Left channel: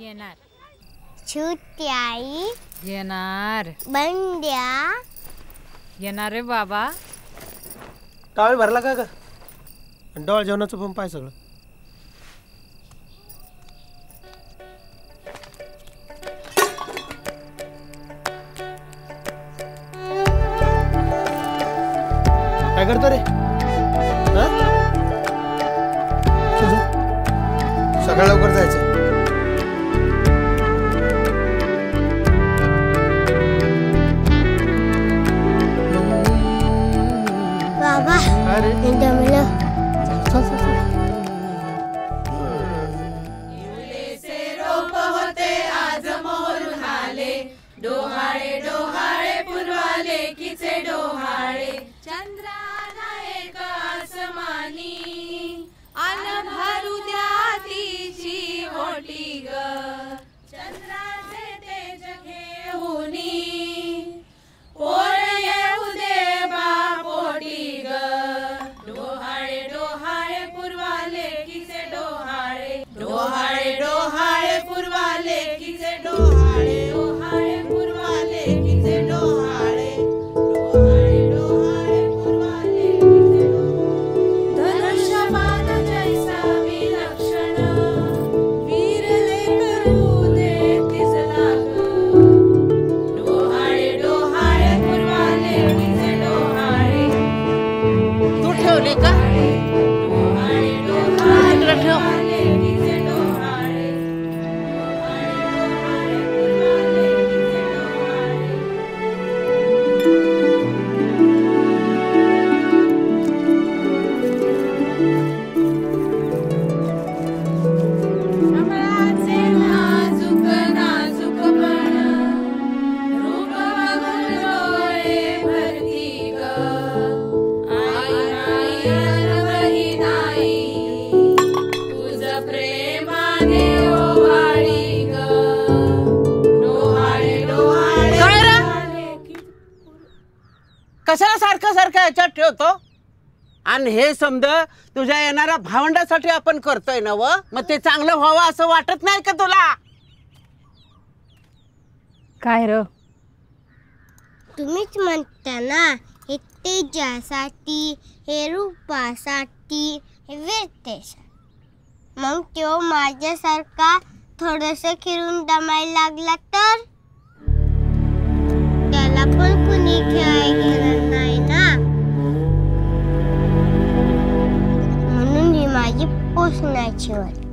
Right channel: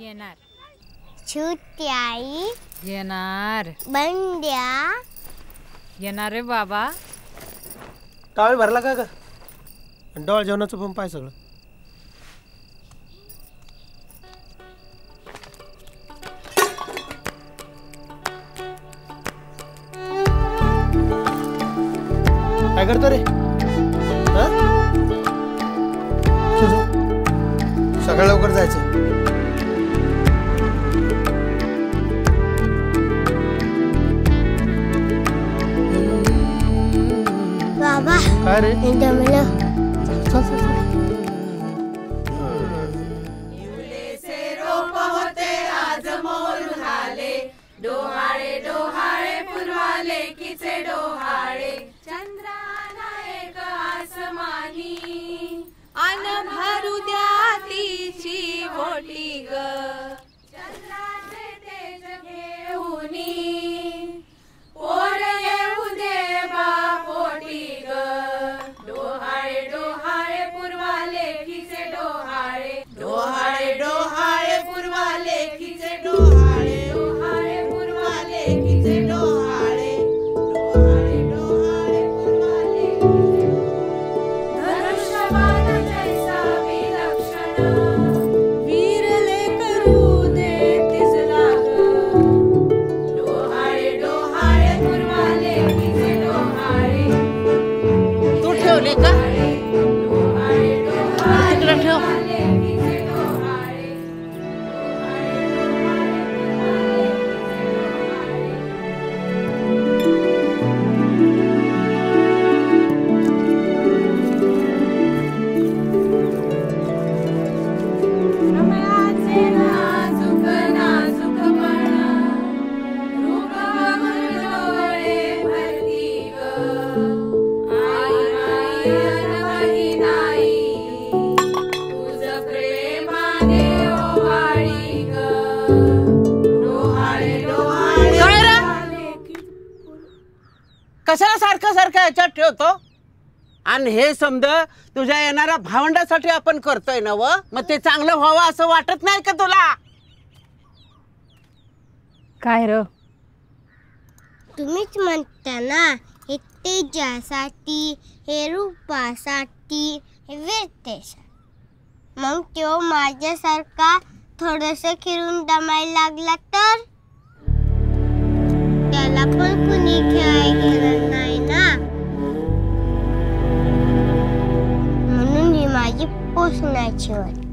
येणार. छुट्याई येणार. बंड्या येणार रे बाबा. टावेल भरला का डोळ जेवणाचं पण पाय सगळं. काय करतो रे? सकाळ लवकर जायचं. बाबा काय रे? जमलं. डोहाळे डोहाळे पुरवाले किचे डोहाळे चंद्राना एक आसमानी अन भरू द्या तिची मोठी ग चंद्राचे तेज घेऊनी पोर येऊ दे बापोटी ग डोहाळे डोहाळे पुरवाले किचे डोहाळे डोहाळे डोहाळे पुरवाले किचे डोहाळे डोहाळे पुरवाले किचे डोहाळे डोहाळे डोहाळे पुरवाले धनुष्यबाण जैसा विलक्षण वीरले करू दे तिसला ग डोहाळे डोहाळे पुरवाले किचे डोहाळे तू ठेवली का? डोहाळे डोहाळे तिकडे ठेव. किचे डोहाळे कमळाचे नाजूक नाजूकपण रूप बघून डोळे भरती ग आई नाही अनवही नाही तुझ प्रेमाने ओवाळी ग डोहाळे डोहाळे काय रे? पुरवाले कशाला सारखं सारखं याच्यात ठेवतो? आणि हे समज तुझ्या येणाऱ्या भावंडासाठी आपण करतोय ना व मग ते चांगलं व्हावं असं वाटत नाही का तुला? काय र? तुम्हीच म्हणता ना हे तेजासाठी, हे रूपासाठी, हे वीरतेसाठी. मग तो माझ्यासारखा थोडस खिरून दमायला लागला तर त्याला पण कुणी खेळायला घेणार नाही ना. म्हणून ही माझी पोसण्याची वाट.